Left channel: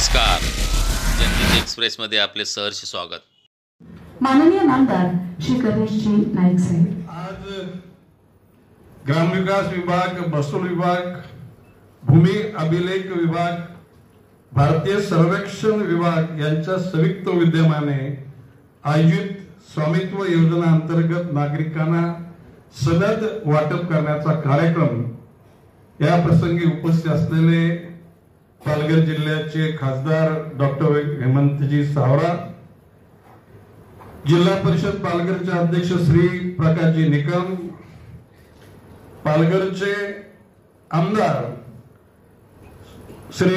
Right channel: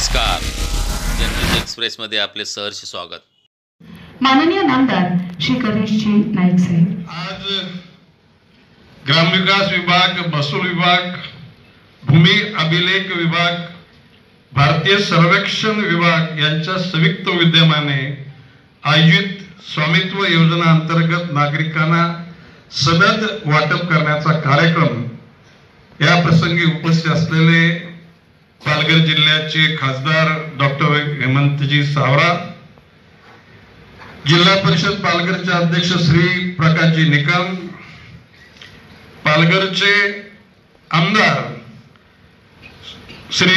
नमस्कार, जनहित एक्सप्रेसमध्ये आपले सहर्ष स्वागत. माननीय नामदार श्री गणेशजी नाईक साहेब. आज ग्रामविकास विभाग, महसूल विभाग, भूमी अभिलेख विभाग, भारतीय सर्वेक्षण विभाग यांच्या संयुक्त विद्यमाने आयोजित स्वामित्व योजना अंतर्गत नागरिकांना सनद वाटप करण्याचा कार्यक्रम या प्रसंगी उपस्थित असलेले पालघर जिल्ह्याचे खासदार डॉक्टर हेमंतजी सावरा, जिल्हा परिषद पालघरचे अध्यक्ष श्री प्रकाशजी निकम, पालघरचे आमदार श्री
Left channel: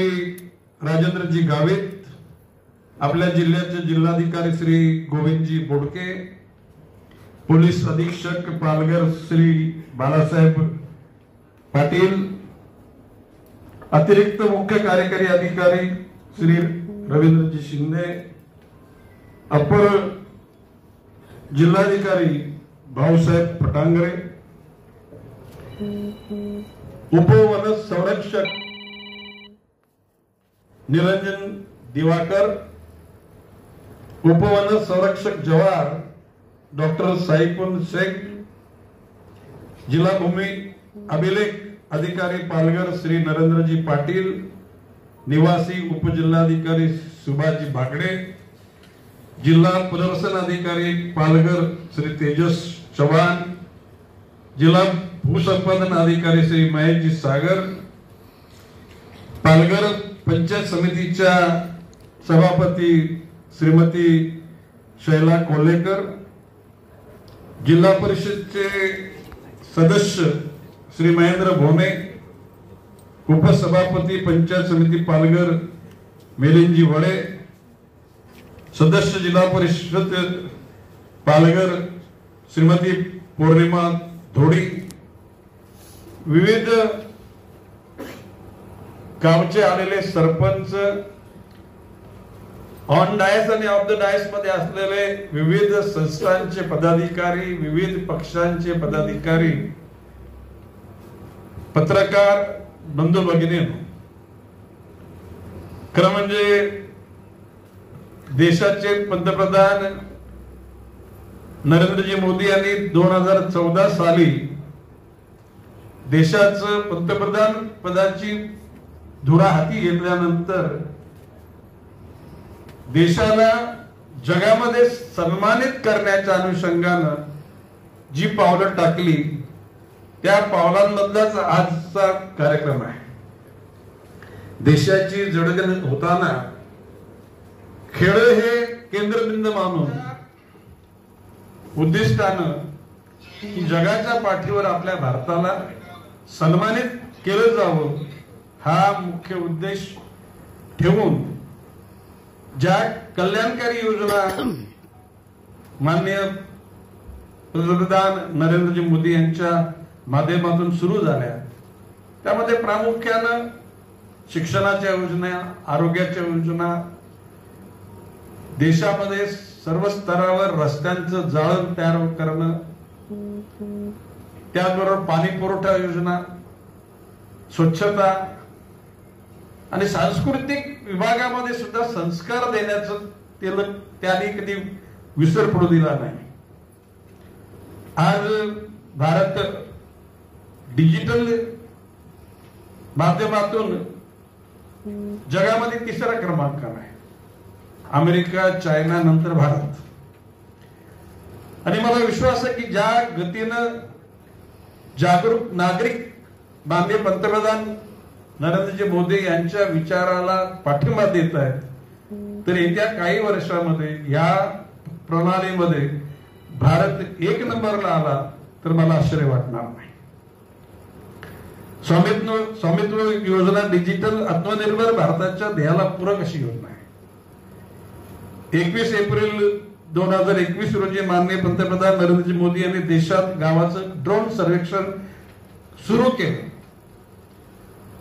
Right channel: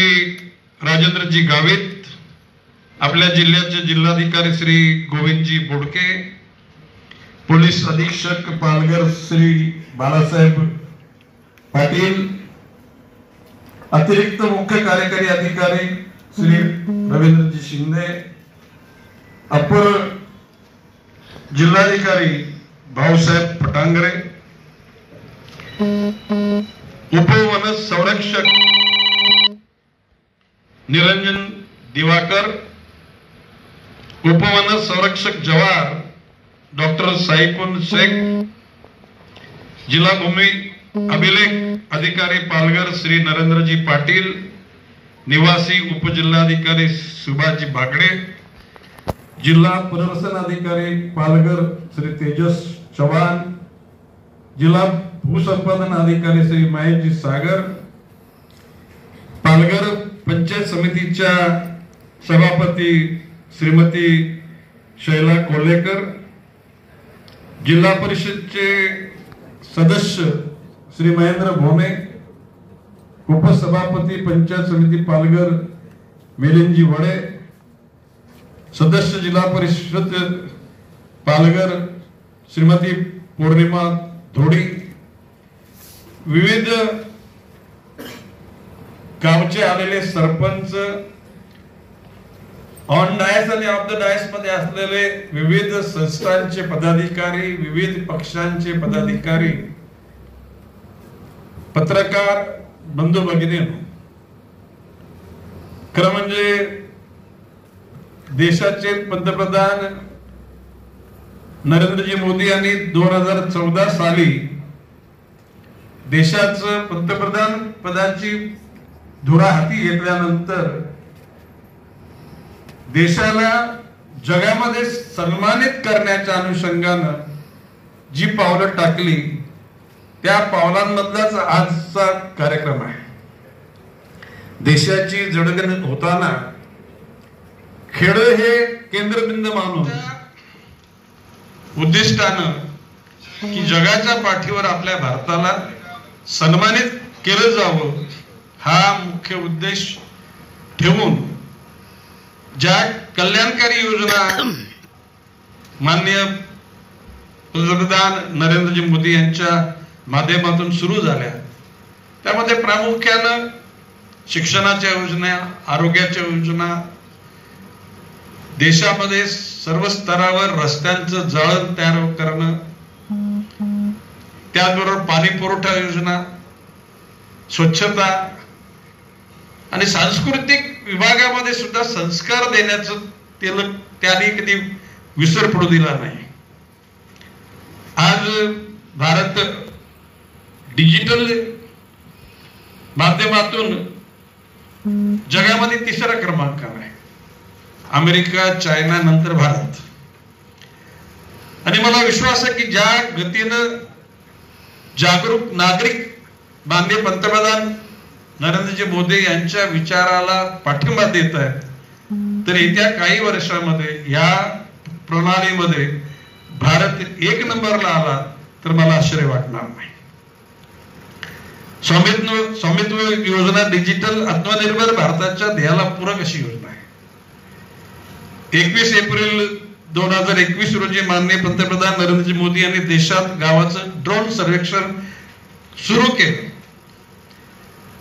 राजेंद्रजी गावित, आपल्या जिल्ह्याचे जिल्हाधिकारी श्री गोविंदजी बोडके, पोलीस अधीक्षक पालघर श्री बाळासाहेब पाटील, अतिरिक्त मुख्य कार्यकारी अधिकारी श्री रवींद्रजी शिंदे, अपर जिल्हाधिकारी भाऊसाहेब पटांगरे, उपवन संरक्षक निरंजन दिवाकर, उपवन संरक्षक जवार डॉक्टर साईकुन शेख, जिल्हा भूमी अभिलेख अधिकारी पालघर श्री नरेंद्रजी पाटील, निवासी उपजिल्हाधिकारी सुभाषजी बागडे, जिल्हा पुनर्वसन अधिकारी पालघर श्री तेजस चव्हाण, जिल्हा भूसंपादन अधिकारी श्री महेशजी सागर, पालघर पंचायत समितीच्या सभापती श्रीमती शैला कोल्हेकर, जिल्हा परिषदचे सदस्य श्री महेंद्र भोमे, उपसभापती पंचायत समिती पालघर मिलिंदजी वडे, सदस्य जिल्हा परिषद पालघर श्रीमती पौर्णिमा धोडी, विविध गावचे आलेले सरपंच, ऑन डायस आणि ऑफ द डायस मध्ये असलेले विविध संस्थांचे पदाधिकारी, विविध पक्षांचे पदाधिकारी, पत्रकार बंधू भगिनींनो, खरं म्हणजे देशाचे पंतप्रधान नरेंद्रजी मोदी यांनी 2014 साली देशाचं पंतप्रधान पदाची धुरा हाती घेतल्यानंतर देशाला जगामध्ये सन्मानित करण्याच्या अनुषंगानं जी पावलं टाकली त्या पावलांमधलाच आजचा कार्यक्रम आहे. देशाची जडणघडण होताना खेळ हे केंद्रबिंदू मानून उद्दिष्टानं की जगाच्या पाठीवर आपल्या भारताला सन्मानित केलं जावं हा मुख्य उद्देश ठेवून ज्या कल्याणकारी योजना माननीय पंतप्रधान नरेंद्रजी मोदी यांच्या माध्यमातून सुरू झाल्या त्यामध्ये प्रामुख्यानं शिक्षणाच्या योजना, आरोग्याच्या योजना, देशामध्ये सर्व स्तरावर रस्त्यांचं जाळं तयार करणं, त्याचबरोबर पाणी पुरवठा योजना, स्वच्छता आणि सांस्कृतिक विभागामध्ये सुद्धा संस्कार देण्याचं त्याने कधी विसर पडू दिला नाही. आज भारत डिजिटल माध्यमातून जगामध्ये 3रा क्रमांकावर आहे. अमेरिका, चायना नंतर भारत. आणि मला विश्वास आहे की ज्या गतीनं जागरूक नागरिक माननीय पंतप्रधान नरेंद्रजी मोदी यांच्या विचाराला पाठिंबा देत आहेत, तर येत्या काही वर्षामध्ये या प्रणालीमध्ये भारत 1 नंबरला आला तर मला आश्चर्य वाटणार नाही. स्वामित्व योजना डिजिटल आत्मनिर्भर भारताच्या ध्येयाला पूरक अशी योजना आहे. 21 एप्रिल 2021 रोजी माननीय पंतप्रधान नरेंद्रजी मोदी यांनी देशात गावाचं ड्रोन सर्वेक्षण सुरू केलं.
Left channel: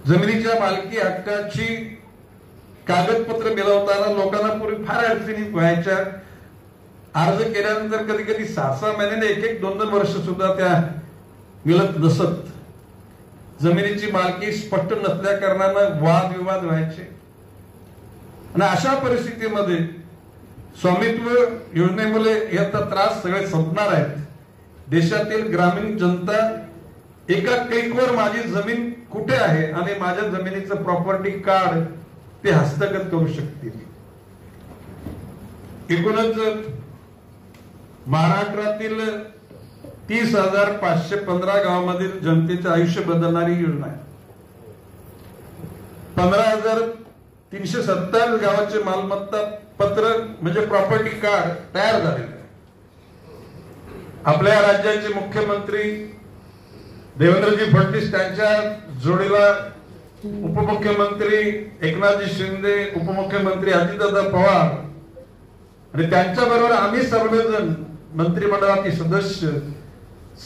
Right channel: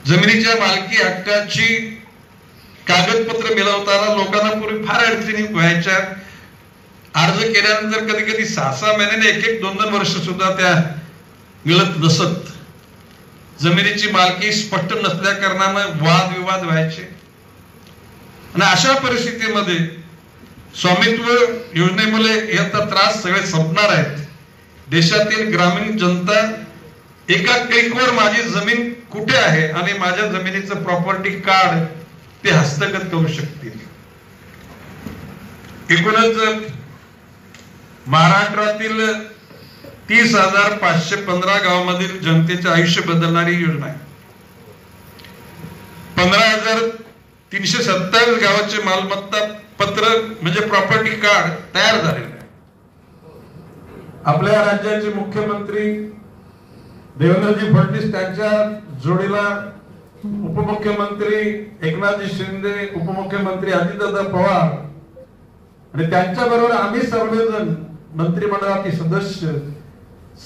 जमिनीच्या मालकी हक्काची कागदपत्र मिळवताना लोकांना पूर्वी फार अडचणी व्हायच्या. अर्ज केल्यानंतर कधी कधी 6-6 महिन्याने 1-2 वर्ष सुद्धा त्या मिळत नसत. जमिनीची मालकी स्पष्ट नसल्या कारणाने वादविवाद व्हायचे. आणि अशा परिस्थितीमध्ये स्वामित्व योजनेमुळे याचा त्रास सगळे संपणार आहेत. देशातील ग्रामीण जनता एका क्लिकवर माझी जमीन कुठे आहे आणि माझ्या जमिनीचं प्रॉपर्टी कार्ड ते हस्तगत करू शकतील. एकूणच महाराष्ट्रातील 30,515 गावांमधील जनतेचे आयुष्य बदलणारी योजना आहे. 15,327 गावाचे मालमत्ता पत्र म्हणजे प्रॉपर्टी कार्ड तयार झालेलं आहे. आपल्या राज्याचे मुख्यमंत्री देवेंद्रजी फडणवीस त्यांच्या जोडीला उपमुख्यमंत्री एकनाथजी शिंदे, उपमुख्यमंत्री अजितदादा पवार आणि त्यांच्या बरोबर आम्ही सर्वजण मंत्रिमंडळाचे सदस्य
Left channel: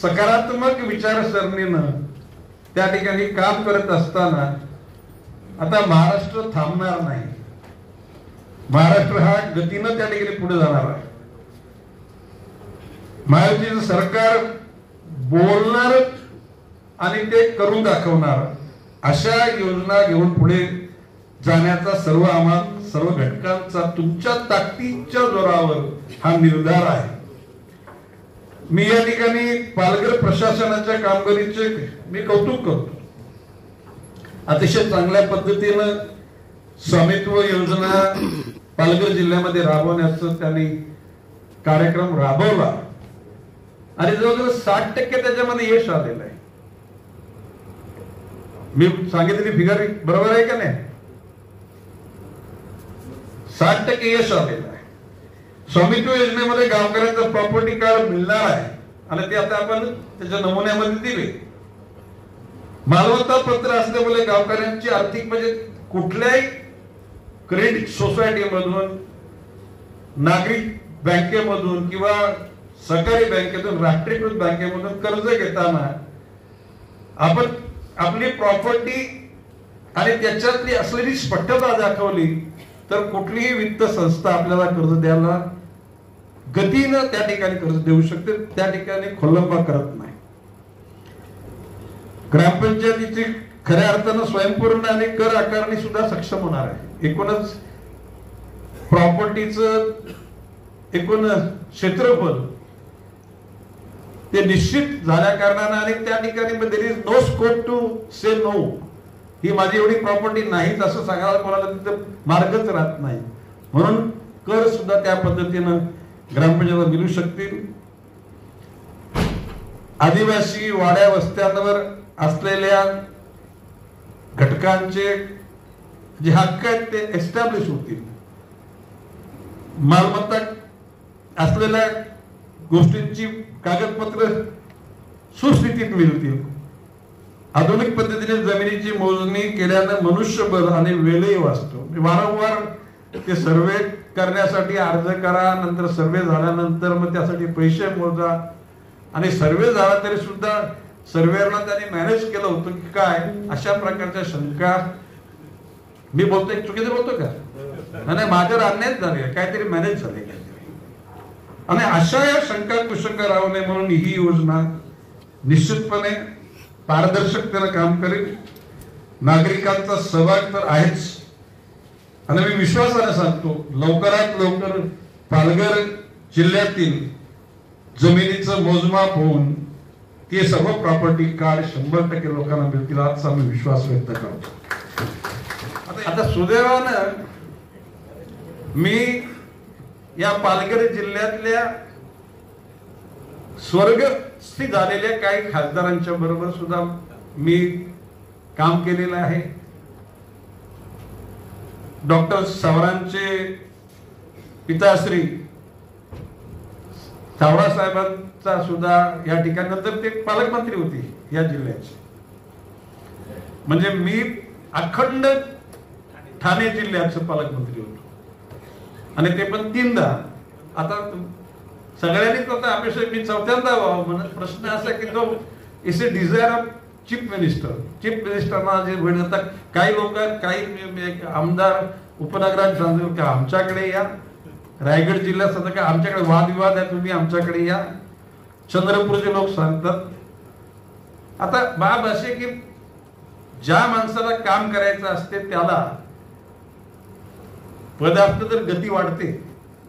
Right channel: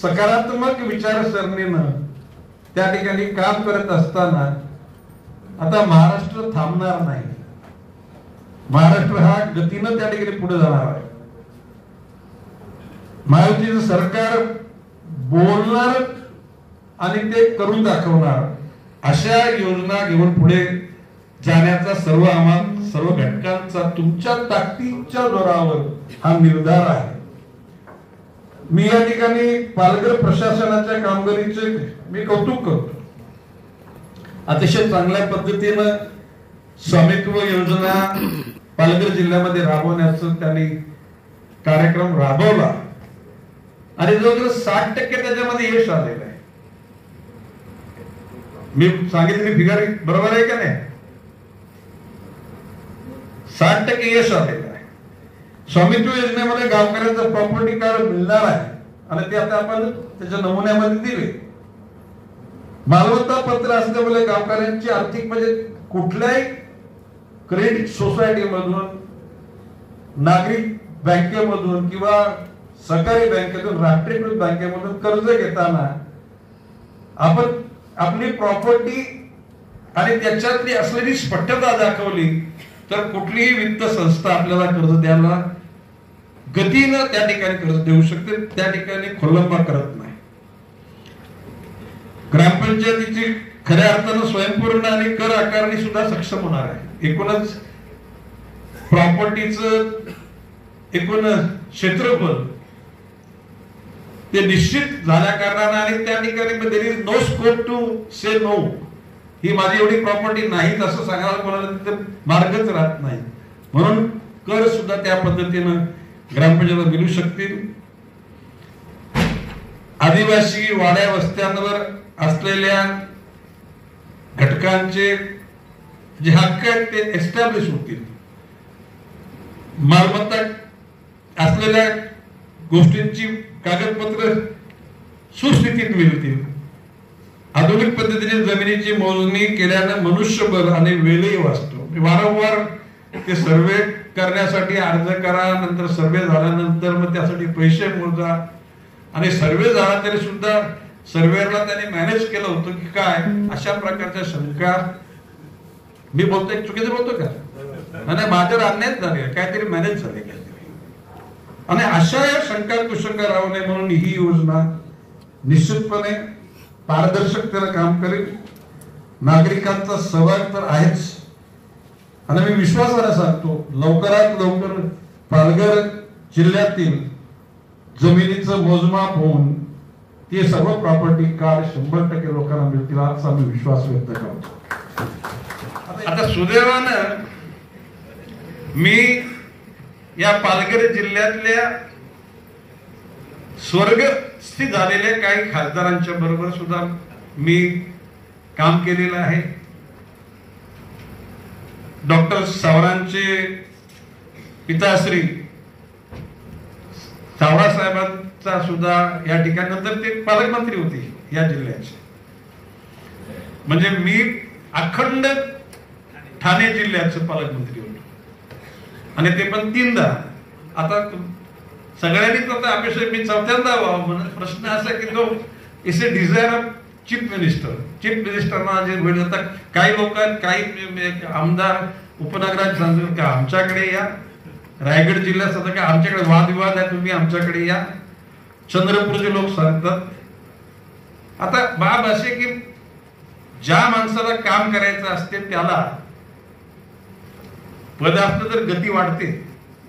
सकारात्मक विचारसरणीनं त्या ठिकाणी काम करत असताना आता महाराष्ट्र थांबणार नाही. महाराष्ट्र हा गतीनं त्या ठिकाणी पुढे जाणार आहे. महायुतीचं सरकार बोलणार आणि ते करून दाखवणार अशा योजना घेऊन पुढे जाण्याचा सर्व घटकांचा तुमच्या ताकदीच्या जोरावर हा निर्धार आहे. मी या ठिकाणी पालघर प्रशासनाच्या कामगिरीचे मी कौतुक करतो. अतिशय चांगल्या पद्धतीनं स्वामित्व योजना पालघर जिल्ह्यामध्ये राबवण्याचा त्यांनी कार्यक्रम राबवला आणि जवळजवळ 60% त्याच्यामध्ये यश आलेलं आहे. मी सांगितलेली फिगर बरोबर आहे का नाही? 60% यश आलेलं आहे. स्वामित्व योजनेमध्ये गावकऱ्यांचं प्रॉपर्टी कार्ड मिळणार आहे आणि ते आता आपण त्याच्या नमुन्यामध्ये दिले. मालमत्ता पत्र असल्यामुळे गावकऱ्यांची आर्थिक म्हणजे कुठल्याही क्रेडिट सोसायटीमधून, नागरिक बँकेमधून किंवा सहकारी बँकेतून, राष्ट्रीयकृत बँकेमधून कर्ज घेताना आपण आपली प्रॉपर्टी आणि त्याच्यातली असलेली स्पष्टता दाखवली तर कुठलीही वित्त संस्था आपल्याला कर्ज द्यायला गतीनं त्या ठिकाणी कर्ज देऊ शकते. त्या ठिकाणी खोलंबा करत नाही. ग्रामपंचायतीची खऱ्या अर्थानं स्वयंपूर्ण आणि कर आकारणी सुद्धा सक्षम होणार आहे. एकूणच प्रॉपर्टीचं एकूण क्षेत्रफळ ते निश्चित झाल्या कारणाने आणि त्या ठिकाणी there is no scope to say no. ही माझी एवढी प्रॉपर्टी नाही असं सांगायला कोणाला मार्गच राहत नाही. म्हणून कर सुद्धा त्या पद्धतीनं ग्रामपंचायत मिळू शकतील. आदिवासी वाड्या वस्त्यांवर असलेल्या घटकांचे जे हक्क आहेत ते एस्टॅब्लिश होतील. मालमत्ता असलेल्या गोष्टींची कागदपत्र सुस्थितीत मिळतील. आधुनिक पद्धतीने जमिनीची मोजणी केल्यानं मनुष्यबळ आणि वेळही वाचतो. वारंवार ते सर्वे करण्यासाठी अर्ज करा, नंतर सर्वे झाल्यानंतर मग त्यासाठी पैसे मोजा आणि सर्वे झाला तरी सुद्धा सर्वेअरला त्यांनी मॅनेज केलं होतं की काय अशा प्रकारच्या शंका. मी बोलतोय चुकीचं बोलतो का? नाही, माझं अन्याय झाले, काहीतरी मॅनेज झाले काहीतरी. आणि अशा शंका कुशंका राहू नये म्हणून ही योजना निश्चितपणे पारदर्शकतेनं काम करेल. नागरिकांचा सहभाग तर आहेच आणि मी विश्वासाने सांगतो लवकरात लवकर पालघर जिल्ह्यातील जमिनीचं मोजमाप होऊन ते सर्व प्रॉपर्टी कार्ड 100% लोकांना मिळतील असा मी विश्वास व्यक्त करतो. आता सुदैवानं मी या पालघर जिल्ह्यातल्या स्वर्गस्थित झालेल्या काही खासदारांच्या बरोबर सुद्धा मी काम केलेलं आहे. डॉक्टर सावरांचे पिताश्री सावरा साहेबांचा सुद्धा या ठिकाणी, नंतर ते पालकमंत्री होते या जिल्ह्याचे. म्हणजे मी अखंड ठाणे जिल्ह्याचं पालकमंत्री होतो आणि ते पण 3दा. आता सगळ्यांनीच आता अपेक्षा मी 4थ्यांदा व्हावं म्हणजे प्रश्न असा की जो is a desire of chief minister. Chief मिनिस्टरना जे होईल. आता काही लोक काही आमदार उपनगरात सांगतात की आमच्याकडे या, रायगड जिल्ह्यात सध्या काय आमच्याकडे वादविवाद आहे, तुम्ही आमच्याकडे या. चंद्रपूरचे लोक सांगतात. आता बाब असे की ज्या माणसाला काम करायचं असते त्याला पद असलं तर गती वाढते.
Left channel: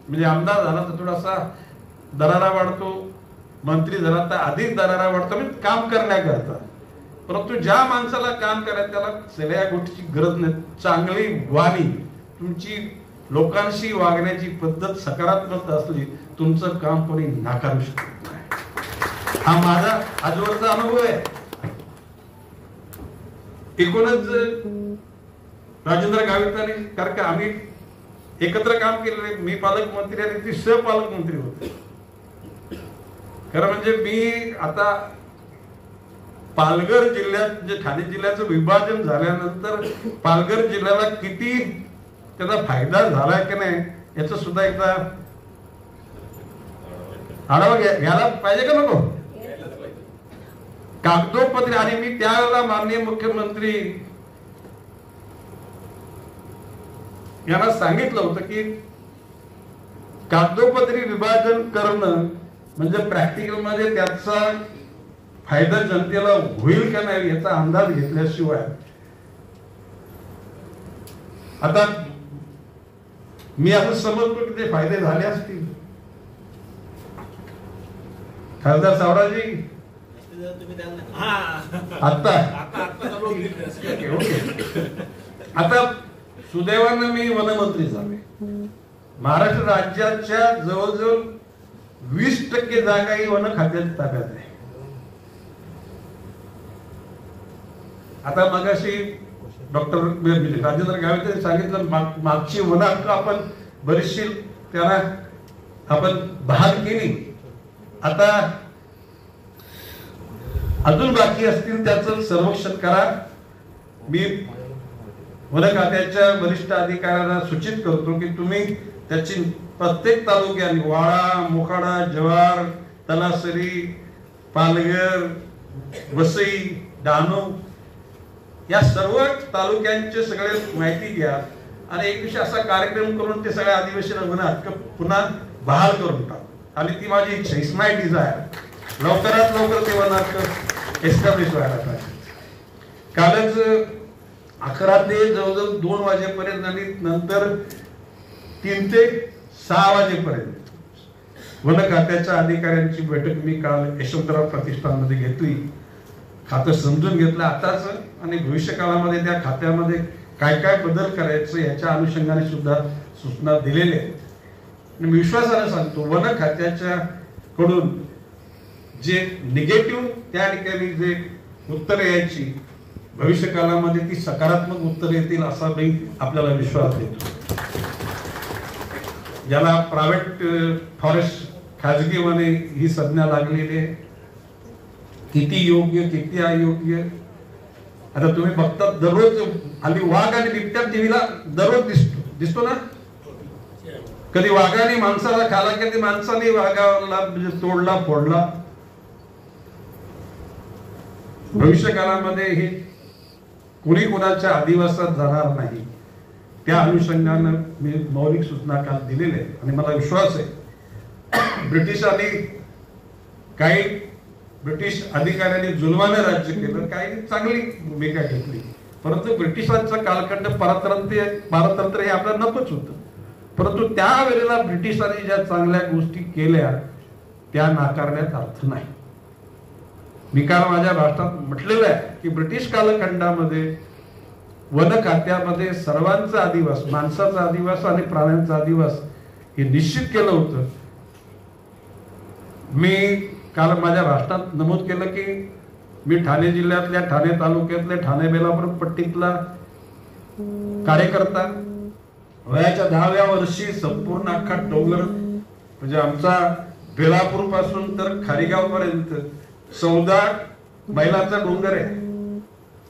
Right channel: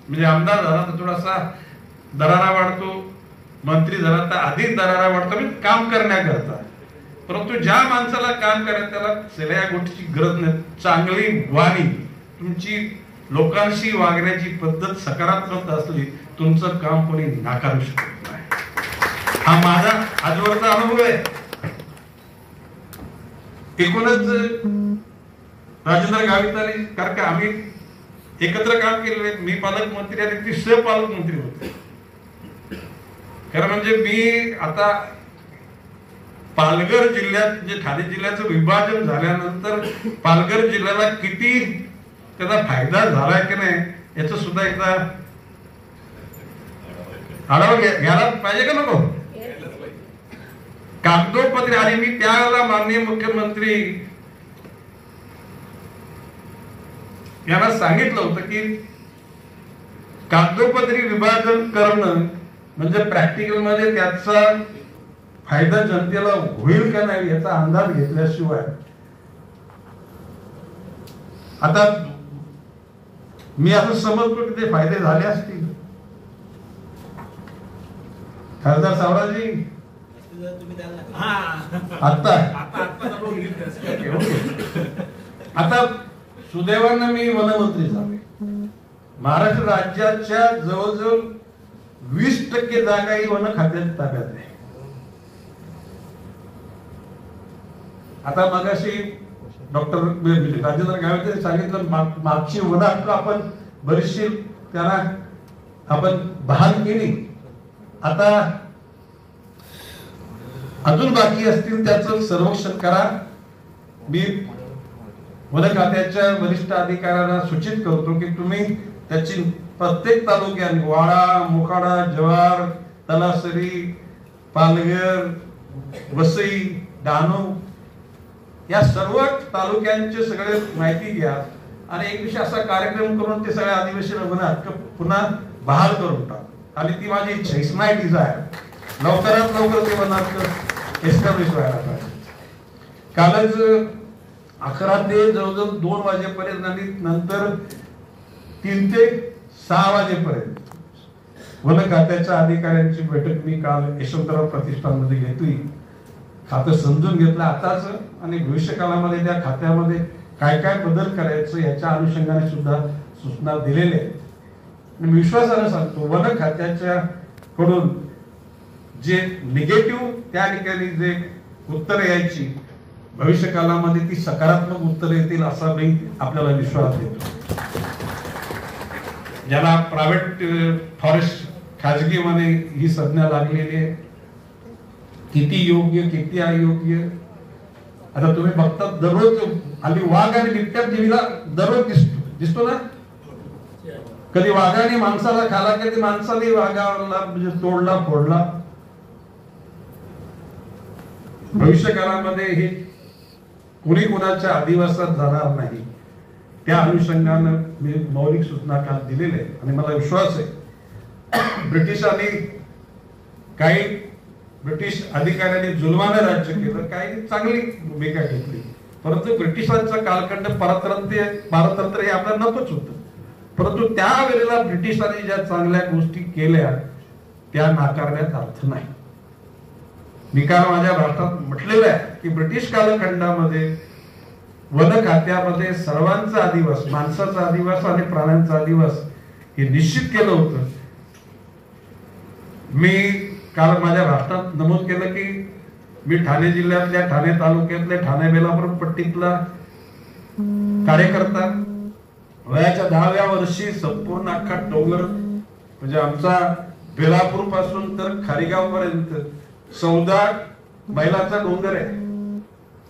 म्हणजे आमदार झाला तर थोडासा दरारा वाढतो, मंत्री झाला तर अधिक दरारा वाढतो, म्हणजे काम करण्याकरता. परंतु ज्या माणसाला काम करायचं त्याला सगळ्या गोष्टीची गरज नाही. चांगली वाणी, तुमची लोकांशी वागण्याची पद्धत सकारात्मक असली, तुमचं काम कोणी नाकारू शकत नाही. हा माझा आजवरचा अनुभव आहे. एकूणच राजेंद्र गावित आणि कारण का आम्ही एकत्र काम केलेले. मी पालकमंत्री आणि ती सहपालकमंत्री होते. खरं म्हणजे मी आता पालघर जिल्ह्यात जे ठाणे जिल्ह्याचं विभाजन झाल्यानंतर पालघर जिल्ह्याला किती त्याचा फायदा झाला की नाही याच सुद्धा एकदा आढावा घ्यायला पाहिजे का नको. कागदोपत्री आणि मी त्यावेळेला माननीय मुख्यमंत्री यांना सांगितलं होतं की कागदोपत्री विभाजन करणं म्हणजे प्रॅक्टिकल मध्ये त्याचा फायदा जनतेला होईल का नाही याचा अंदाज घेतल्याशिवाय. आता मी असं समजतो की ते फायदे झाले असतील. खासदार सावराजी आता सुदैवानं मी वनमंत्री झाले. महाराष्ट्र राज्याच्या जवळजवळ 20% जागा ही वन खात्याच्या ताब्यात आहे. आता मगाशी डॉक्टर राजेंद्र गावित सांगितलं मागची वन हक्क आपण बरीचशी त्याला आपण बहाल केली. आता अजून बाकी असतील त्याचं सर्वेक्षण करा. मी वन खात्याच्या वरिष्ठ अधिकाऱ्यांना सूचित करतो की तुम्ही त्याची प्रत्येक तालुक्यात वाळा, मोखाडा, जव्हार, तलासरी, पालघर, वसई, डहाणू या सर्व तालुक्यांचे सगळे माहिती घ्या आणि एक दिवशी असा कार्यक्रम करून ते सगळ्या आदिवासी वन हक्क पुन्हा बहाल करून टाक. आणि ती माझी इच्छा, इट्स माय डिझायर. लवकरात लवकर ते वन हक्क एस्टॅब्लिश व्हायला पाहिजे. कालच 11 ते जवळजवळ 2 वाजेपर्यंत आणि नंतर 3 ते 6 वाजेपर्यंत वन खात्याच्या अधिकाऱ्यांची बैठक मी काल यशवंतराव प्रतिष्ठानमध्ये घेतली. खातं समजून घेतलं आताच आणि भविष्य काळामध्ये त्या खात्यामध्ये काय काय बदल करायचं याच्या अनुषंगाने सुद्धा सूचना दिलेल्या आहेत. मी विश्वासाने सांगतो वन खात्याच्या कडून जे निगेटिव्ह त्या ठिकाणी जे उत्तर यायची भविष्य काळामध्ये ती सकारात्मक उत्तर येतील असा आपल्याला विश्वास येतो. ज्याला प्रायव्हेट फॉरेस्ट खाजगी वने ही संज्ञा लागलेली आहे. किती योग्य किती अयोग्य आता तुम्ही बघता. दररोज हल्ली वाघ आणि बिबट्या टीव्हीला दररोज दिसतो ना. कधी वाघाने माणसाला खाला कधी माणसाने वाघाला म्हणजे तोडला फोडला. भविष्य काळामध्ये हे कोणी कोणाच्या आदिवासात जाणार नाही. त्या अनुषंगानं मी मौलिक सूचना काल दिलेल्या आहेत आणि मला विश्वास आहे ब्रिटिशांनी काही ब्रिटिश अधिकाऱ्यांनी जुलमाने राज्य केलं, काही चांगली भूमिका घेतली. परंतु ब्रिटिशांचा कालखंड पारतंत्र्य हे आपल्याला नकोच होतं. परंतु त्यावेळेला ब्रिटिशांनी ज्या चांगल्या गोष्टी केल्या त्या नाकारण्यात अर्थ नाही. मी काल माझ्या भाषणात म्हटलेलं आहे की ब्रिटिश कालखंडामध्ये वन खात्यामध्ये सर्वांचा अधिवास, माणसाचा अधिवास आणि प्राण्यांचा अधिवास हे निश्चित केलं होतं. मी काल माझ्या भाषणात नमूद केलं की मी ठाणे जिल्ह्यातल्या ठाणे तालुक्यातल्या ठाणे बेलापूर पट्टीतला कार्यकर्ता. वयाच्या 10व्या वर्षी संपूर्ण अख्खा डोंगर म्हणजे आमचा बेलापूर पासून तर खारीगाव पर्यंत 14 मैलाचा डोंगर आहे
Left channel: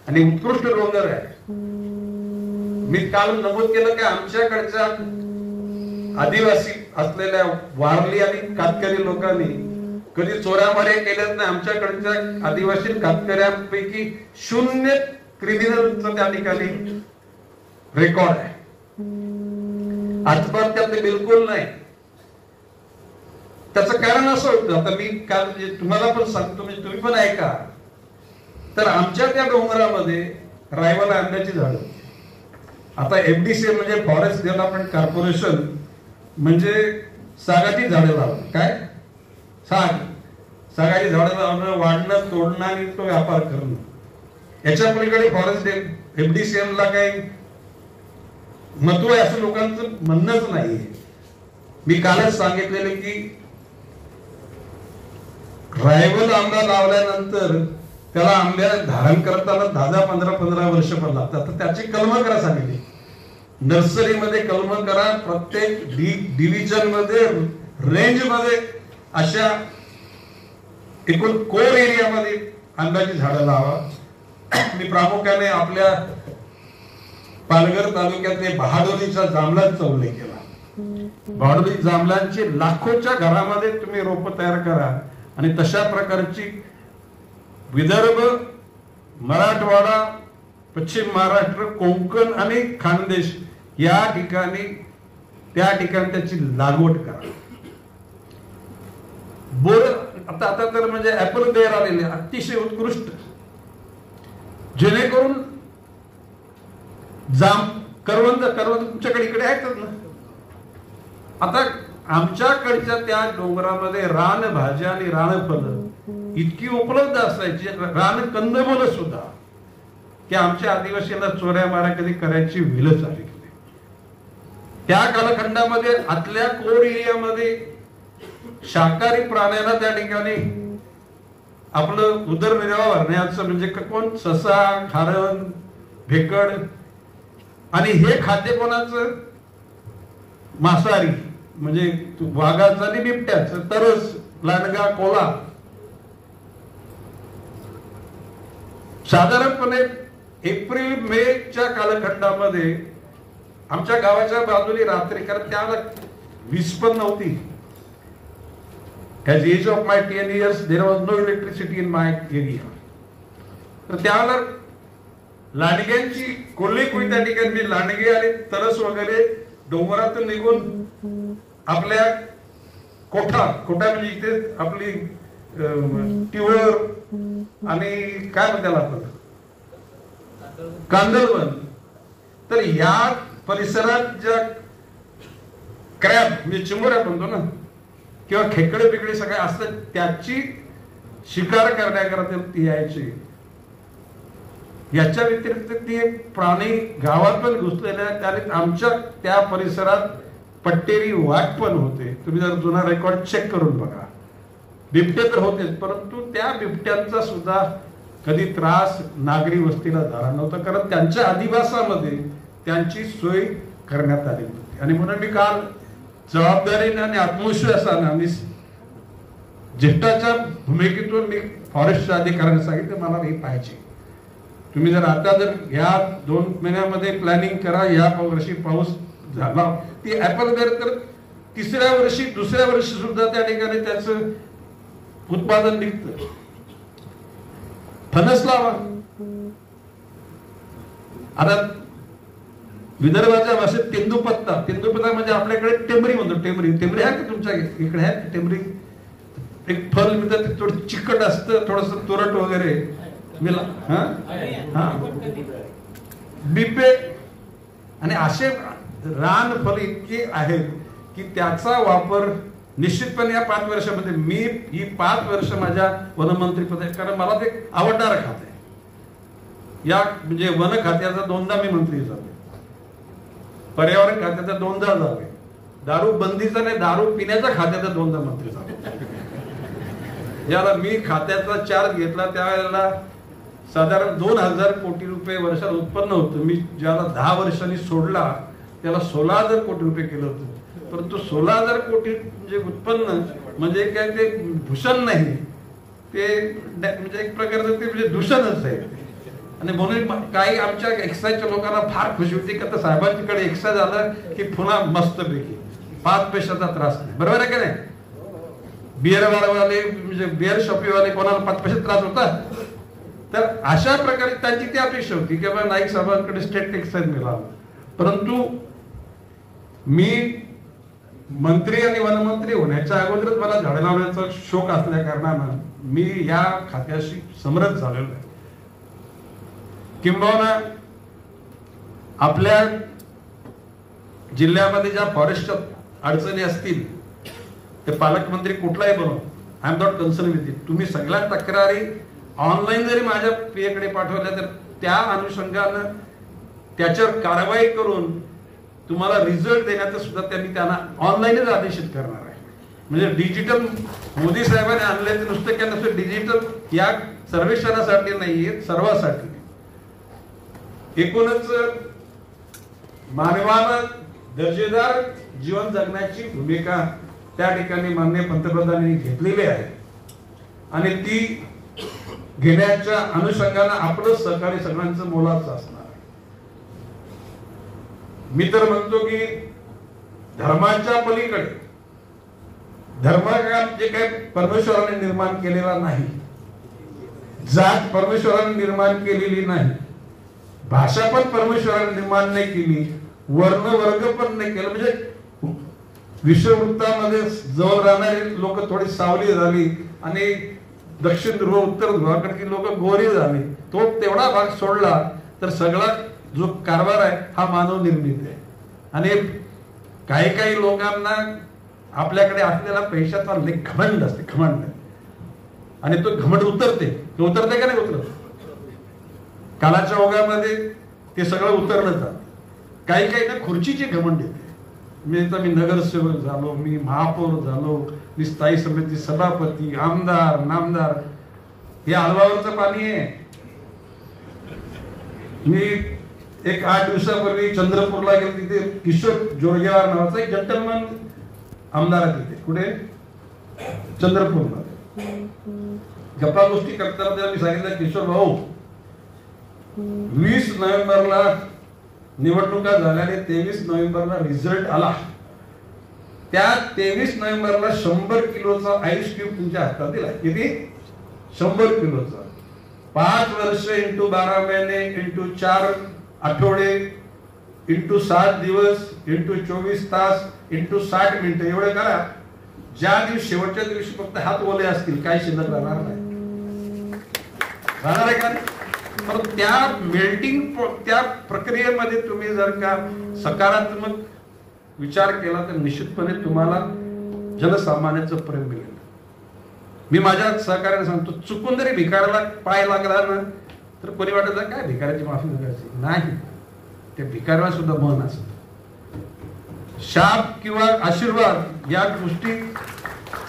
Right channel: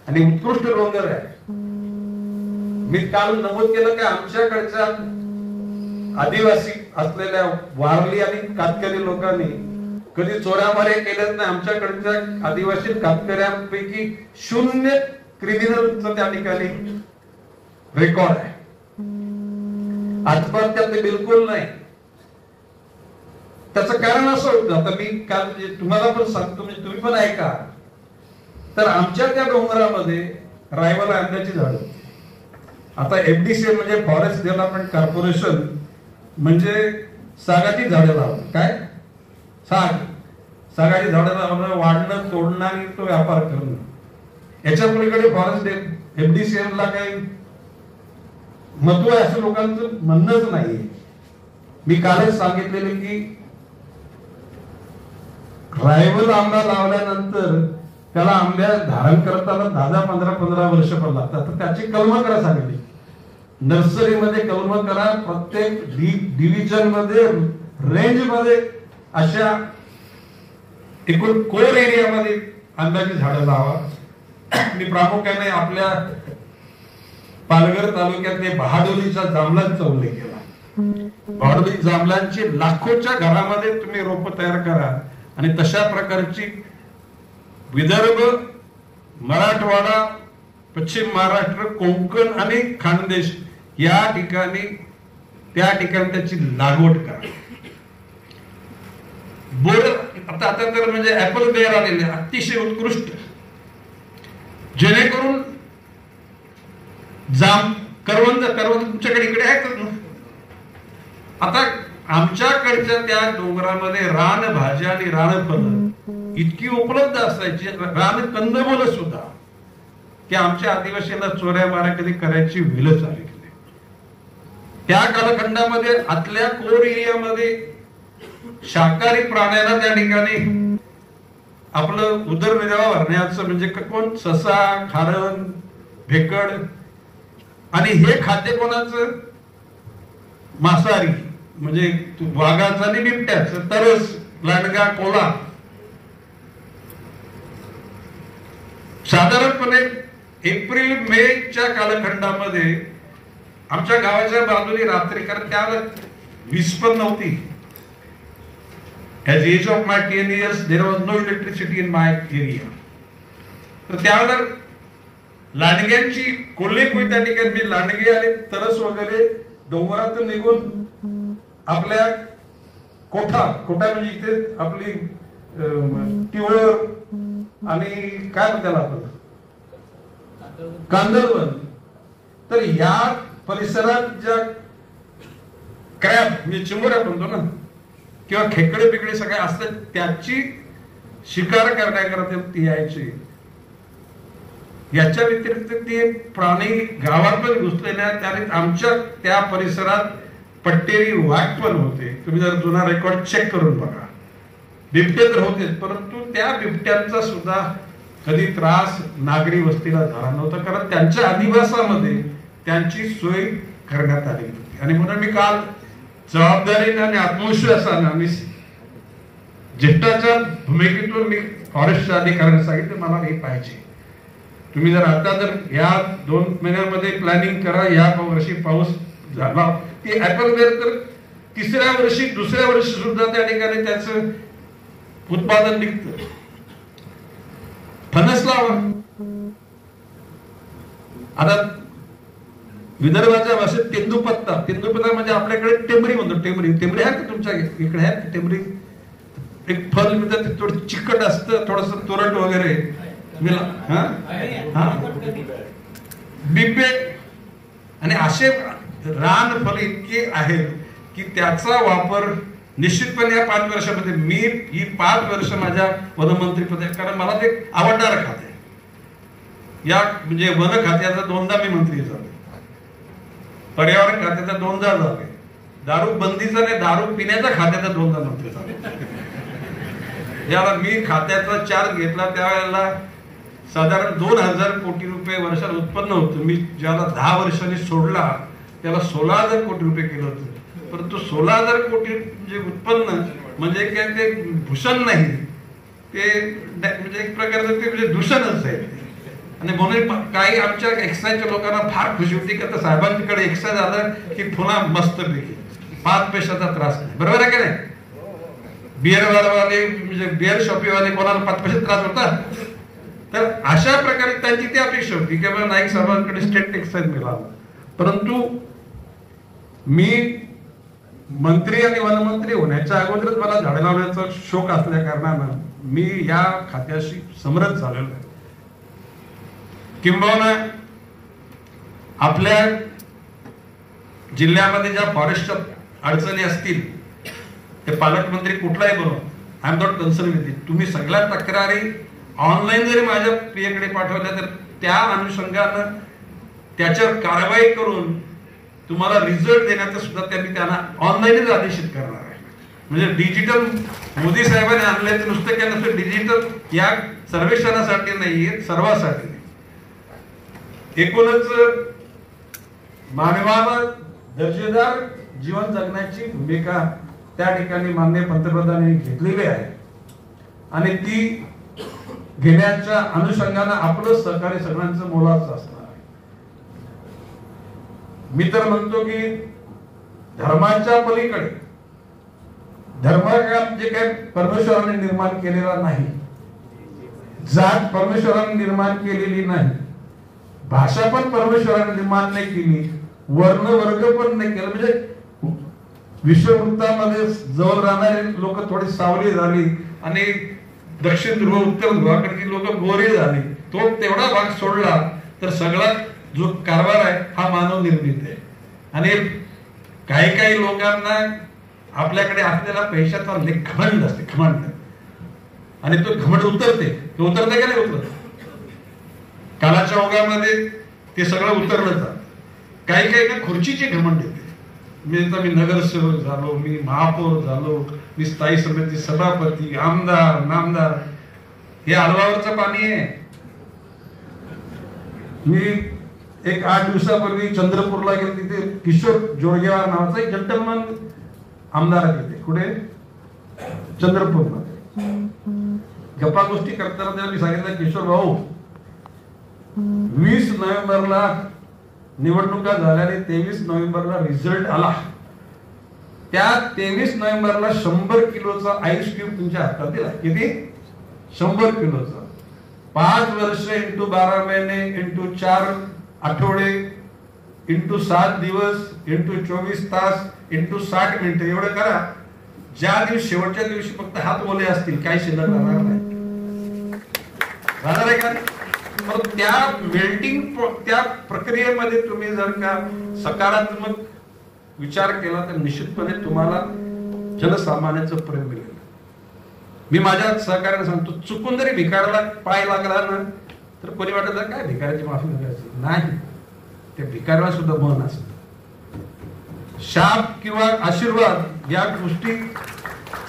आणि उत्कृष्ट डोंगर आहे. मी काल नमूद केलं की आमच्याकडच्या आदिवासी असलेल्या वारली आणि कातकरी लोकांनी कधी चोरामारे केलेच नाही. आमच्याकडच्या आदिवासी कातकऱ्यांपैकी 0 क्रिमिनलचा त्या ठिकाणी रेकॉर्ड आहे. आत्महत्या ते बिलकुल नाही. त्याचं कारण असं होतं, आता मी काल तुम्हाला पण सांगतो म्हणजे तुम्ही पण ऐका. तर आमच्या त्या डोंगरामध्ये रायवल आंब्याची झाडं आता FDC म्हणजे फॉरेस्ट डेव्हलपमेंट कॉर्पोरेशन म्हणजे सागाची झाडं लावणं. काय सागाची झाडं लावणं, वाढणं, तोडणं आणि तो व्यापार करणं. याच्या पलीकडे फॉरेस्ट FDCM ला काही महत्व आहे असं लोकांचं म्हणणंच नाही. मी कालच सांगितलेले की रायवल आंबा लावल्यानंतर त्याला आंब्या धारण करताना 10-15 वर्ष पण लागतात. तर त्याची कलम करा सांगितली. नर्सरीमध्ये कलम करा, प्रत्येक डिव्हिजन मध्ये, रेंज मध्ये अशा एकूण कोर एरियामध्ये आंब्याची झाडं लावा. मी प्रामुख्याने आपल्या पालघर तालुक्यातले बहाडोलीच्या जांभळांचा उल्लेख केला. बहाडोली जांभळांची लाखोच्या घरामध्ये तुम्ही रोप तयार करा आणि तशा प्रकारची विदर्भ, मराठवाडा, पश्चिम महाराष्ट्र, कोकण आणि खानदेश या ठिकाणी त्या ठिकाणी त्याची लागवड करा. बोर आता तर म्हणजे ऍपल बेअर आलेले अतिशय उत्कृष्ट, जेणेकरून करवंद तुमच्याकडे इकडे आहेत ना. आता आमच्याकडच्या त्या डोंगरामध्ये रानभाज्या आणि रानफळं इतकी उपलब्ध असायची, रान कंदमुळं सुद्धा, की आमच्या आदिवासीला चोऱ्या माऱ्या कधी करायची वेळच आली. त्या कालखंडामध्ये आतल्या कोर एरियामध्ये शाकाहारी प्राण्याला त्या ठिकाणी आपलं उदरनिर्वाह भरण्याचं म्हणजे कोण, ससा, खारण, भेकड, आणि हे खाद्य कोणाचं, मांसाहारी म्हणजे वाघाचं आणि बिबट्याचं, तरस, लांडगा, कोला. साधारणपणे एप्रिल-मेच्या कालखंडामध्ये आमच्या गावाच्या बाजूने रात्री, कारण त्यावेळेला वीज पण नव्हती. At the age of my 10 years, there was no electricity in my area. तर त्यावेळेला लांडग्यांची कोल्हे त्या ठिकाणी लांडगे आले, तरस वगैरे डोंगरातून निघून आपल्या कोठा म्हणजे इथे आपली टिवळ आणि काय म्हणतात कांदळवन, तर या परिसरात ज्या क्रॅब म्हणजे चिंबोऱ्या म्हणतो ना, किंवा खेकडे बिकडे सगळे असतात, त्याची शिकार करण्याकरता ती यायची. याच्या व्यतिरिक्त ते प्राणी गावात पण घुसलेले आहेत. त्याने आमच्या त्या परिसरात पट्टेरी वाघ पण होते. तुम्ही जर जुना रेकॉर्ड चेक करून बघा. बिबटे तर होते, परंतु त्या बिबट्यांचा सुद्धा कधी त्रास नागरी वस्तीला झाला नव्हता, कारण त्यांच्या अधिवासामध्ये त्यांची सोय करण्यात आली होती. आणि म्हणून मी काल जबाबदारीने आणि आत्मविश्वासाने आणि ज्येष्ठाच्या भूमिकेतून मी फॉरेस्टच्या अधिकाऱ्यांना सांगितलं मला हे पाहिजे. तुम्ही जर आता जर या 2 महिन्यामध्ये प्लॅनिंग करा. या वर्षी पाऊस झाला ती ऍपल बेअर, तर तिसऱ्या वर्षी, दुसऱ्या वर्षी सुद्धा त्या ठिकाणी त्याचं उत्पादन निघतं. फणस लावा. आता विदर्भाच्या भाषेत तेंदूपत्ता म्हणजे आपल्याकडे टेमरी म्हणतो. टेमरी आहे का तुमच्या इकडे? आहे का टेमरी? एक फल मिळतं, थोडं चिकट असतं, थोडस तुरट वगैरे. बिबे आणि असे रान फल इतके आहेत की त्याचा वापर निश्चितपणे या 5 वर्षामध्ये, मी ही 5 वर्ष माझ्या वनमंत्री पदात, कारण मला ते आवडणारं खाते. या म्हणजे वन खात्याचा 2दा मी मंत्री झालो, पर्यावरण खात्याचा 2दा झाले, दारू बंदीचा आणि दारू पिण्याच्या खात्याचा 2दा मंत्री झालो. याला मी खात्याचा चार्ज घेतला त्यावेळेला साधारण 2000 कोटी रुपये वर्षात उत्पन्न होतं. मी ज्याला 10 वर्षांनी सोडला त्याला 16,000 कोटी रुपये केलं होतं. परंतु 16,000 कोटी म्हणजे उत्पन्न म्हणजे काय ते भूषण नाही, ते म्हणजे एक प्रकारचं ते म्हणजे दूषणच आहे. आणि म्हणून काही आमच्या एक्साईजच्या लोकांना फार खुशी होती की आता साहेबांकडे एक्साईज आलं की पुन्हा मस्त पैकी 5 पैशाचा त्रास नाही. बरोबर आहे का नाही? बिअरवाले म्हणजे बिअर शॉपीवाले कोणाला 5 पैसे त्रास होता? तर अशा प्रकारे त्यांची ती अपेक्षा होती की मला नाईक साहेबांकडे स्टेट एक्साईज मिळाला. परंतु मी मंत्री आणि वनमंत्री होण्याच्या अगोदरच मला झाडं लावण्याचा शौक असल्या कारणानं मी या खात्याशी समरस झालेलो आहे. किंबहुना आपल्या जिल्ह्यामध्ये ज्या फॉरेस्टच्या अडचणी असतील ते पालकमंत्री कुठलाही बनवा, I am not concern with it. तुम्ही सगळ्या तक्रारी ऑनलाईन जरी माझ्या पीएकडे पाठवल्या तर त्या अनुषंगानं त्याच्यावर कारवाई करून तुम्हाला रिझल्ट देण्याचं सुद्धा त्यांना ऑनलाईनच आदेशित करणार आहे. म्हणजे डिजिटल मोदी साहेबांनी आणले ते नुसतं काय नसतं, डिजिटल या सर्वेक्षणासाठी नाहीये, सर्वांसाठी. एकूणच मानवावर दर्जेदार जीवन जगण्याची भूमिका त्या ठिकाणी माननीय पंतप्रधानांनी घेतलेली आहे आणि ती घेण्याच्या अनुषंगाने आपलं सहकार्य सगळ्यांचं मोलाचं असणार. मी तर म्हणतो की धर्माच्या पलीकडे धर्म जे काय परमेश्वराने निर्माण केलेला नाही, जात परमेश्वराने निर्माण केलेली नाही, भाषा पण परमेश्वराने निर्माण नाही केली, वर्ण वर्ग पण नाही केलं. म्हणजे विश्ववृत्तामध्ये जवळ राहणारी लोक थोडी सावली झाली आणि दक्षिण ध्रुव उत्तर ध्रुवाकडची लोक गोरे झाली. तो तेवढा भाग सोडला तर सगळा जो कारभार आहे हा मानव निर्मित आहे. आणि काही काही लोकांना आपल्याकडे आपल्याला पैशाचा घमंड असते, घमंड, आणि तो घमंड उतरते का नाही उतरत? कालाच्या ओघामध्ये ते सगळं उतरलं जात. काही काही ना खुर्चीची घमंड येते. मी नगरसेवक झालो, मी महापौर झालो, मी स्थायी समिती सभापती, आमदार, नामदार, हे अलवावरचं पाणी आहे. मी एक 8 दिवसापूर्वी चंद्रपूरला गेलो, तिथे किशोर जोरगेवार नावाचा एक जंटलमन आमदार आहे तिथे. कुठे? चंद्रपूरमध्ये. गप्पा गोष्टी करताना मी सांगितलं, किशोर भाऊ 20 नोव्हेंबरला निवडणुका झाल्याने 23 नोव्हेंबरला रिझल्ट आला. त्या 23 नोव्हेंबरला 100 किलोचा आईस्क्रीम तुमच्या हातात दिला. किती? 100 किलोचा. 5 वर्ष इंटू 12 महिने इंटू 4 आठवडे इंटू 7 दिवस इंटू 24 तास इंटू 60 मिनिटं एवढं करा. ज्या दिवशी शेवटच्या दिवशी फक्त हात ओले असतील, काय शिल्लक राहणार नाही. राहणार आहे का? तर त्या मेल्टिंग त्या प्रक्रियेमध्ये तुम्ही जर का सकारात्मक विचार केला तर निश्चितपणे तुम्हाला जनसामान्याचं प्रेम मिळेल. मी माझ्या सहकार्याला सांगतो, चुकून जरी भिकाऱ्याला पाय लागला ना तर कोणी वाटत काय भिकाऱ्याची माफी मागायची नाही. ते भिकाऱ्याला सुद्धा मन असत. शाप किंवा आशीर्वाद या गोष्टी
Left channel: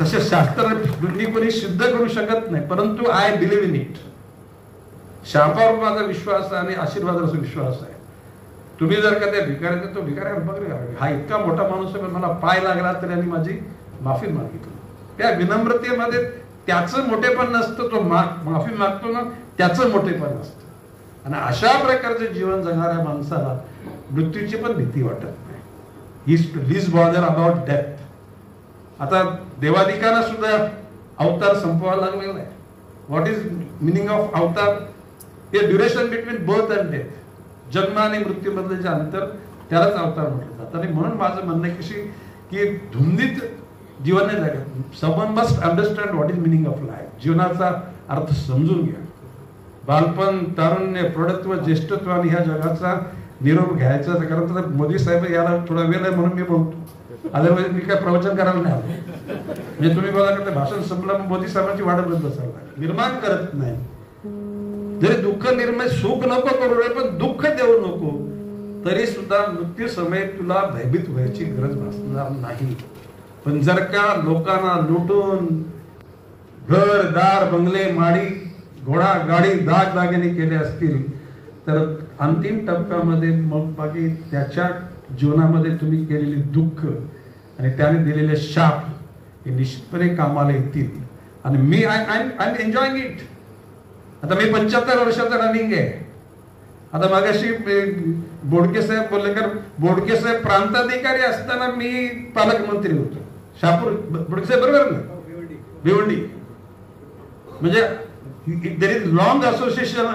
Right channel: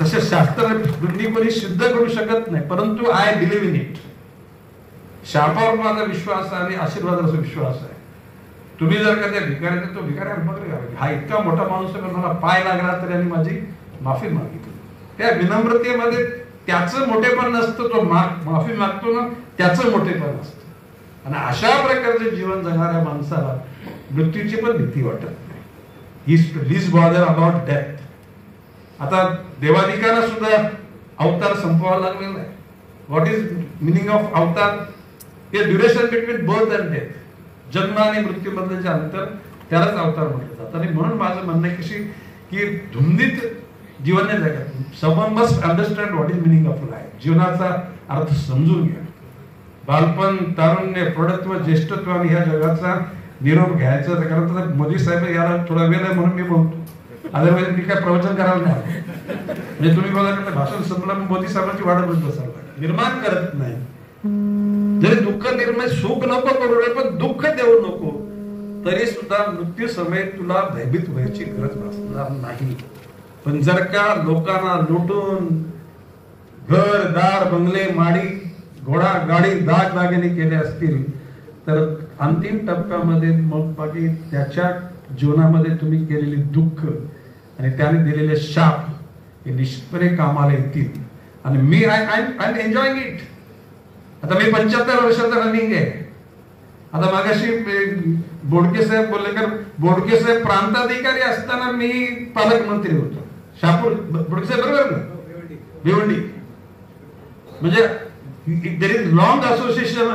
तसे शास्त्र दोन्हीपणी सिद्ध करू शकत नाही, परंतु आय बिलीव्ह इन इट. शापावर माझा विश्वास आणि आशीर्वादाचा विश्वास आहे. तुम्ही जर का त्या भिकाऱ्याने तो भिकाऱ्या हा इतका मोठा माणूस आहे, मला पाय लागला तरी आणि माझी माफी मागितली. त्या विनम्रतेमध्ये त्याचं मोठेपण नसतं, तो माफी मागतो ना त्याचं मोठेपण असतं. आणि अशा प्रकारचे जीवन जगणाऱ्या माणसाला मृत्यूची पण भीती वाटत नाही. He's bother about death. आता देवाधिकाला सुद्धा अवतार संपवावा लागलेला आहे. व्हॉट इज मिनिंग ऑफ अवतार? हे duration between birth and death. जन्म आणि मृत्यूबद्दलचे अंतर, त्यालाच अवतार म्हटलं जातं. आणि म्हणून माझं म्हणणं कशी की धुंदीत जीवन नाही जगत. Someone must understand what is meaning of life. जीवनाचा अर्थ समजून घ्या. बालपण, तारुण्य, प्रौढत्व, ज्येष्ठत्व आणि ह्या जगाचा निरोप घ्यायचा. कारण मोदी साहेब याला थोडा वेळ आहे म्हणून मी बोलतो. अदरवाईज मी काय प्रवचन करायला नाही. म्हणजे तुम्ही मला भाषण संपलं मोदी साहेबांची वाढत बसावं निर्माण करत नाही. जरी दुःख निर्माण, सुख नको करू नये पण दुःख देऊ नको, तरी सुद्धा मृत्यू समय तुला भयभीत व्हायची गरज असणार नाही. पण जर का लोकांना लुटून घर दार बंगले माडी घोडा गाडी दागदागिने केले असतील तर अंतिम टप्प्यामध्ये मग बाकी त्याच्या जीवनामध्ये तुम्ही केलेली दुःख आणि त्याने दिलेले शाप हे निश्चितपणे कामाला येतील. आणि मी आय एम एन्जॉयिंग इट. आता मी 75 वर्षाचा रनिंग आहे. आता मागाशी बोडके साहेब बोलले का, बोडके साहेब प्रांताधिकारी असताना मी पालकमंत्री होतो. शापूर बोडके साहेब बरोबर ना, भिवंडी. म्हणजे there is long association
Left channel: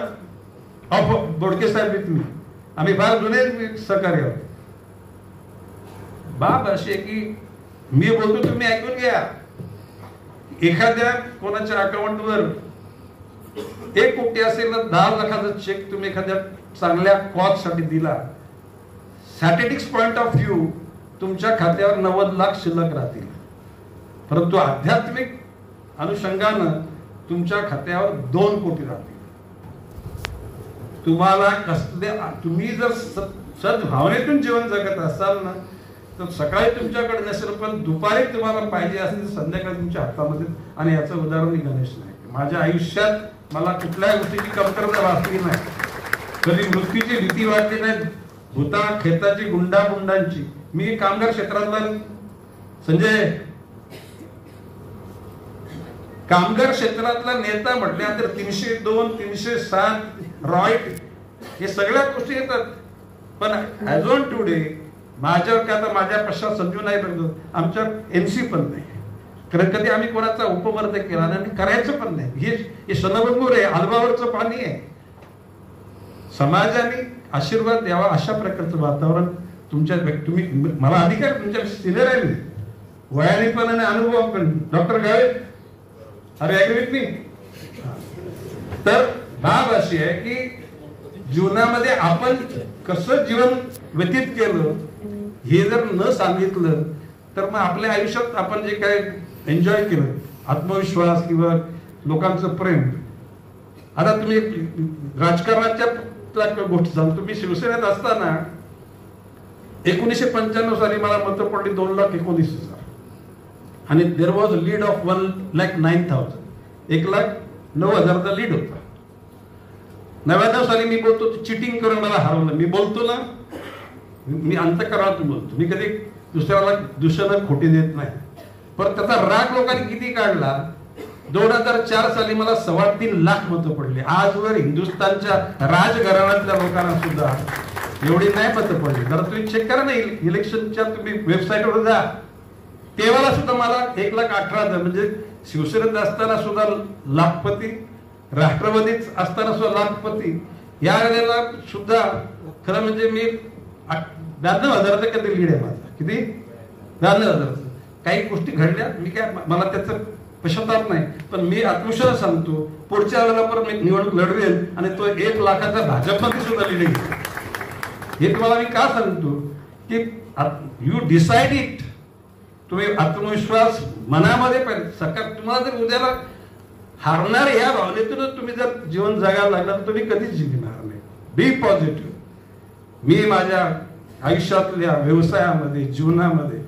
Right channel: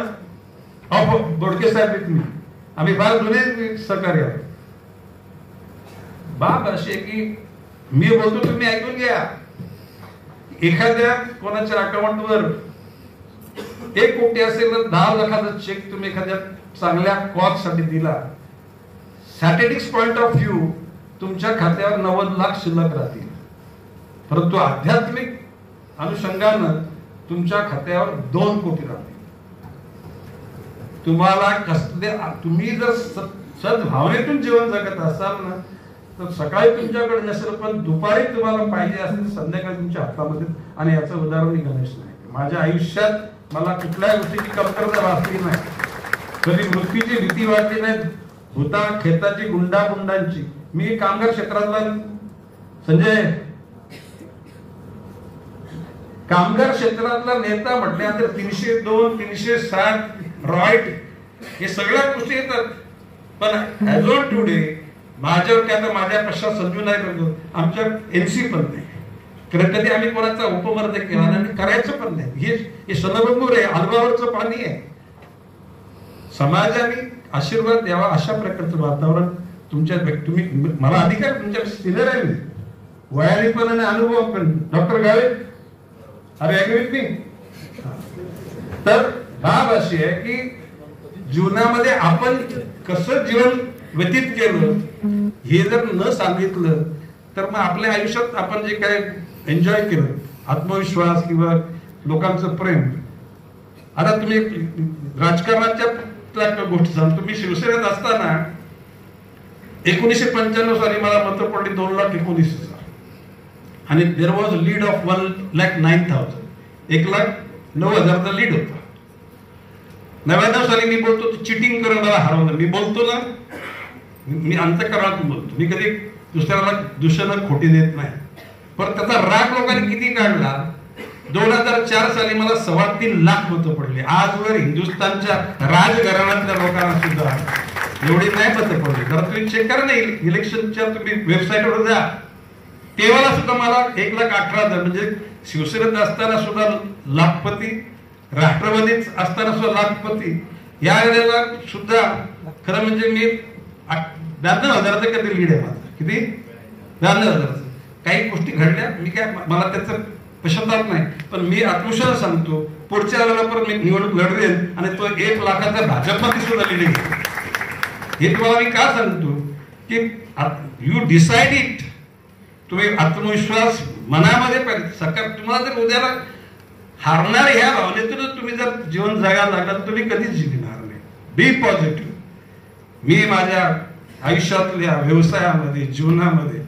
of Bodke saheb with me. आम्ही फार जुने सहकारी आहोत. बाब अशी आहे की मी बोलतो तुम्ही ऐकून घ्या. एखाद्या कोणाच्या अकाउंटवर 1 कोटी असेल तर 10 लाखाचा चेक तुम्ही एखाद्या चांगल्या कॉज साठी दिला स्ट्रॅटेजिक पॉइंट ऑफ व्ह्यू तुमच्या खात्यावर 90 लाख शिल्लक राहतील, परंतु आध्यात्मिक अनुषंगानं तुमच्या खात्यावर 2 कोटी राहतील. तुम्हाला तुम्ही जर सद्भावनेतून जीवन जगत असाल ना, तर सकाळी तुमच्याकडे नसेल पण दुपारी तुम्हाला पाहिजे असेल संध्याकाळी तुमच्या हातामध्ये. आणि याचं उदाहरण गणेश नाही. माझ्या आयुष्यात मला कुठल्याही गोष्टीची कमतरता वाटली नाही, कधी मृत्यूची भीती वाटली नाही, भूता खेताची गुंडाची. मी कामगार क्षेत्रातला संजय कामगार क्षेत्रातला नेता म्हटल्यानंतर 302, 307 रॉयट हे सगळ्या गोष्टी येतात. पण ऍज ऑन टुडे माझ्यावर काय, माझ्या पक्षात संजू नाही करतो, आमच्या एनसी पण नाही, कारण कधी आम्ही कोणाचा उपमर्द केला नाही आणि करायचं पण नाही. हे सनबंगूर आहे, आजबावरचं पाणी आहे. समाजाने आशीर्वाद द्यावा अशा प्रकारचं वातावरण तुमच्या तुम्ही मला अधिकार तुमच्या सिनियर आहे मी वयाने पण आणि अनुभव पण. डॉक्टर गाळे अरे ऍग्री मी. तर बाब अशी आहे की जीवनामध्ये आपण कसं जीवन व्यतीत केलं हे जर न सांगितलं तर मग आपल्या आयुष्यात आपण जे काय एन्जॉय केलं, आत्मविश्वास किंवा लोकांचं प्रेम. आता तुम्ही राजकारणाच्या गोष्टी सांगतो. तुम्ही शिवसेनेत असताना 1995 साली मला मतं पडली 2,19,000 आणि देर वॉज लीड ऑफ 1,09,000. 1,09,000चा लीड होता. 99 साली मी बोलतो चिटिंग करून मला हरवलं. मी बोलतो ना, मी अंतःकरणात बोलतो, मी कधी दुसऱ्याला दुसऱ्याला खोटी देत नाही. पण त्याचा राग लोकांनी किती काढला. 2004 साली मला 3.25 लाख मतं पडली. आजवर हिंदुस्थानच्या राजघराण्यातल्या लोकांना सुद्धा एवढी नाही मतं पडली. बरं तुम्ही चेक करा नाही, इलेक्शनच्या तुम्ही वेबसाईटवर जा, तेव्हा सुद्धा मला 1,18,000 म्हणजे शिवसेनेत असताना सुद्धा लाखपती, राष्ट्रवादीत असताना सुद्धा लाखपती, या वेळेला सुद्धा खरं म्हणजे मी 92,000 कधी लीड आहे माझं. किती? 92,000. काही गोष्टी घडल्या, मी काय मला त्याचं पश्चाताप नाही, पण मी आत्मविश्वास सांगतो पुढच्या वेळेला पण मी निवडणूक लढवेल आणि तो 1 लाखाचा भाजपमध्ये सुद्धा लीड घेईल. हे तुम्हाला मी का सांगतो की यू डिसाइड इट. तुम्ही आत्मविश्वास मनामध्ये पाहिजे. सकाळ तुम्हाला जर उद्याला हारणार ह्या भावनेतूनच तुम्ही जर जीवन जगायला लागला तर तुम्ही कधीच जिंकणार नाही. बी पॉझिटिव्ह. मी माझ्या आयुष्यातल्या व्यवसायामध्ये, जीवनामध्ये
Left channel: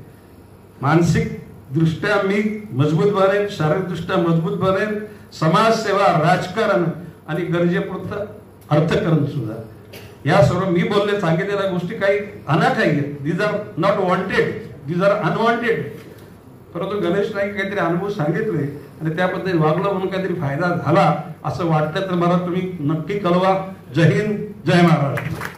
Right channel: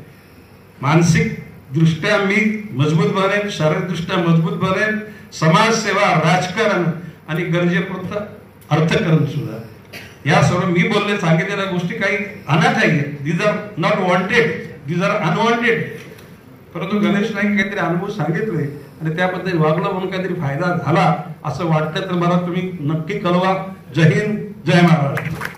मानसिक दृष्ट्या मी मजबूत बनेन, शारीरिक दृष्ट्या मजबूत बनेन. समाजसेवा, राजकारण आणि गरजेपुरतं अर्थकारण सुद्धा. या सर्व मी बोलले सांगितलेल्या गोष्टी काही अनाथ आहेत. These are not wanted, these are unwanted. परंतु गणेश नाईक काहीतरी अनुभव सांगितले आणि त्याबद्दल वागलं म्हणून काहीतरी फायदा झाला असं वाटतं तर मला तुम्ही नक्की कळवा. जय हिंद, जय महाराष्ट्र.